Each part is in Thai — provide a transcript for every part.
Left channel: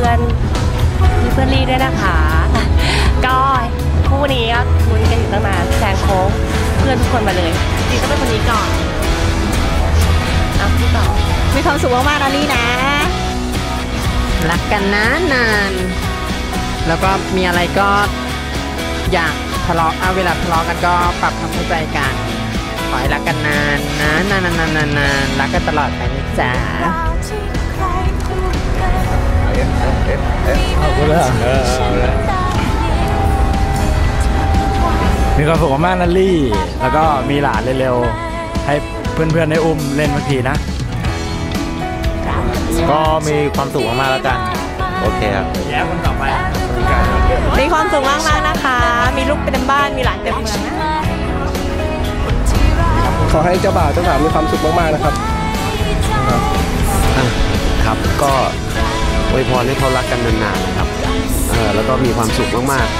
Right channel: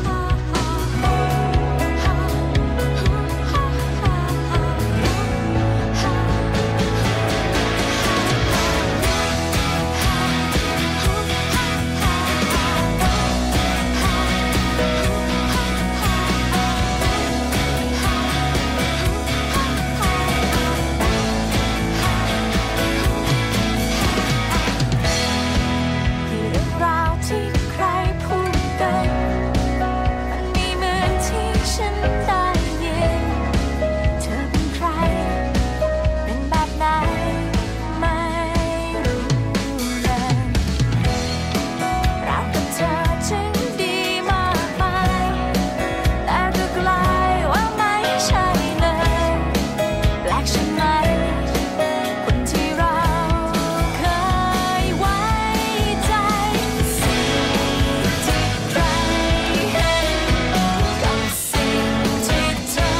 พื่อนเพื่อนลี่ด้วยนะคะ ก็คู่นี้ก็คุยกันตั้งนานแซงโค้งเพื่อนทุกคนมาเลยติดเพื่อนคนนี้ก่อนเอาที่ต่อมีความสุขมากๆนะลี่นะ รักกันนะนาน แล้วก็มีอะไรก็อย่าทะเลาะเอาเวลาทะเลาะกันก็ปรับความเข้าใจกันขอให้รักกันนานนานนานนานนานรักกันตลอดไปจ้าที่ใคร มีความสุขมากๆนะลี่ แล้วก็มีหลานเร็วๆ ให้เพื่อนๆได้อุ้มเล่นบางทีนะ ก็มีความสุขมากๆแล้วกันโอเคครับแย้มต่อไปมีความสุขมากๆนะคะ มีลูกเต็มบ้าน มีหลานเต็มรักเมืใช่องไหมคนที่เราขอให้เจ้าบ่าวเจ้าสาวมีความสุขมากๆนะครับไว้ใจครับก็อวยพรให้เขารักกันนานๆนะครับเออแล้วก็มีความสุขมากๆ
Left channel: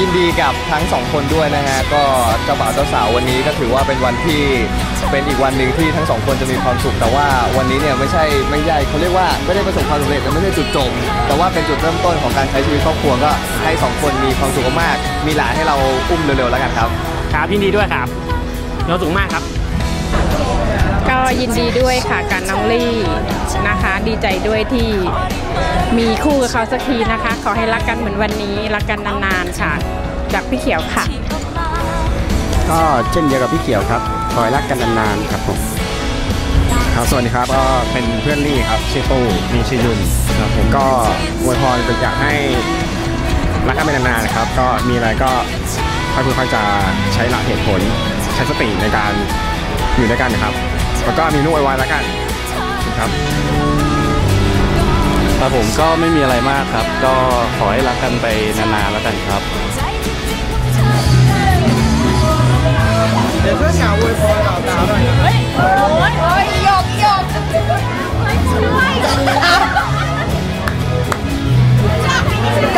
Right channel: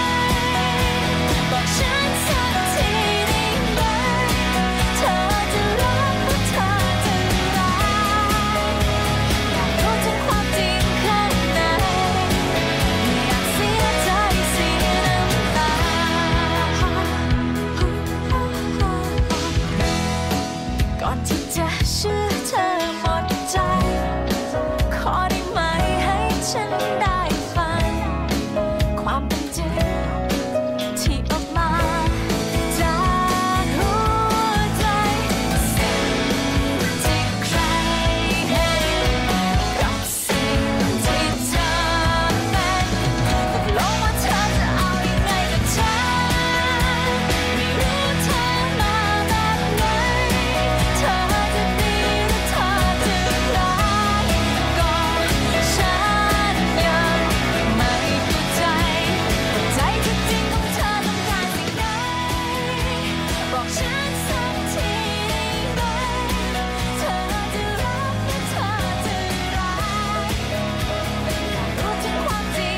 ยินดีกับทั้งสองคนด้วยนะฮะก็เจ้าบ่าวเจ้าสาววันนี้ก็ถือว่าเป็นวันที่เป็นอีกวันหนึ่งที่ทั้งสองคนจะมีความสุขแต่ว่าวันนี้เนี่ยไม่ใช่ไม่ใหญ่เขาเรียกว่าไม่ได้ประสบความสำเร็จแต่ไม่ได้จุดจบแต่ว่าเป็นจุดเริ่มต้นของการใช้ชีวิตครอบครัวก็ให้สองคนมีความสุขมากมีหลานให้เราอุ้มเร็วๆแล้วกันครับครับยินดีด้วยครับมีความสุขมากครับ ยินดีด้วยค่ะกับน้องลี่นะคะ ดีใจด้วยที่มีคู่กับเขาสักทีนะคะ ขอให้รักกันเหมือนวันนี้ รักกันนานๆค่ะ จากพี่เขียวค่ะ ก็เช่นเดียวกับพี่เขียวครับ ขอให้รักกันนานๆครับผมครับสวัสดีครับก็เป็นเพื่อนลี่ครับชื่อตู้มีชื่อยุนครับผมก็อวยพรอยากให้รักกันไปนานๆนะครับ ก็มีอะไรก็ค่อยๆค่อยๆจะใช้หลักเหตุผลใช้สติในการอยู่ด้วยกันนะครับ แล้วก็มีนุ่ไว้แล้วกันครับครับผมก็ไม่มีอะไรมากครับ ก็ขอให้รักกันไปนานๆแล้วกันครับใจที่จริงของเธอต้องการสิ่งนั้น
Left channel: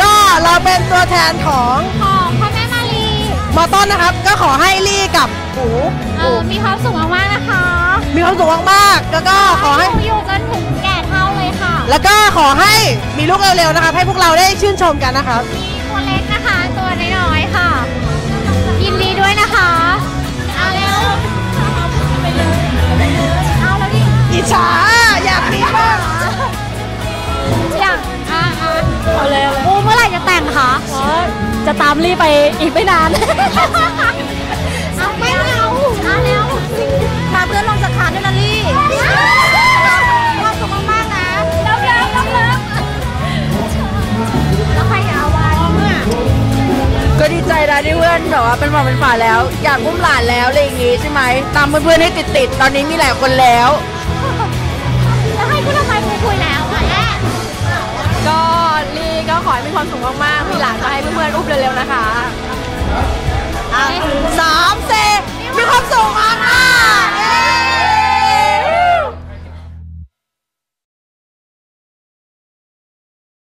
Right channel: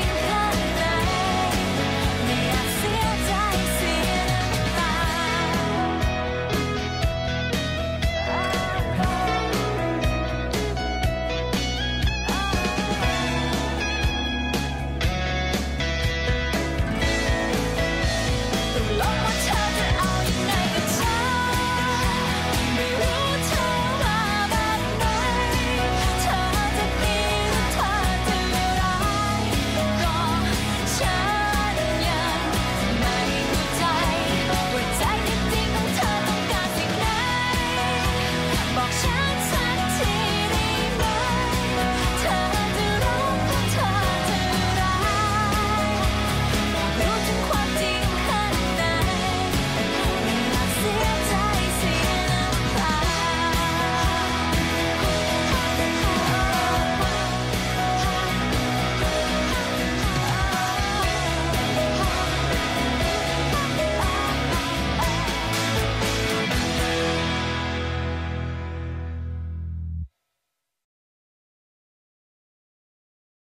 ก็เราเป็นตัวแทนของมอต้นนะครับ ก็ขอให้ลี่กับหูเออมีความสุขมากๆนะคะมี ความสุขมากๆแล้วก็ขอให้อยู่กันถึงแก่เท่าเลยค่ะ แล้วก็ขอให้มีลูกเร็วๆนะครับให้พวกเราได้ชื่นชมกันนะครับตัวเล็กนะคะตัวน้อยๆค่ะยินดีด้วยนะคะเอาเร็วเอาแล้วดิอิจฉาอยากมีมากอยากอะอะเอาเลยอู้เมื่อไหร่จะแต่งคะจะตามรีไปอีกไม่นาน แบบว่าเป็นหมอเป็นฝาแล้ว อยากอุ้มหลานแล้วอะไรอย่างงี้ใช่ไหมตามเพื่อนๆให้ติดๆตอนนี้มีหลายคนแล้ว แล้วให้คุณทำไมคุยคุยแล้วตอนแรกก็ลี่ก็ขอให้มีความสุขมากๆมีหลานก็ให้เพื่อนๆอุ้มเร็วๆนะคะ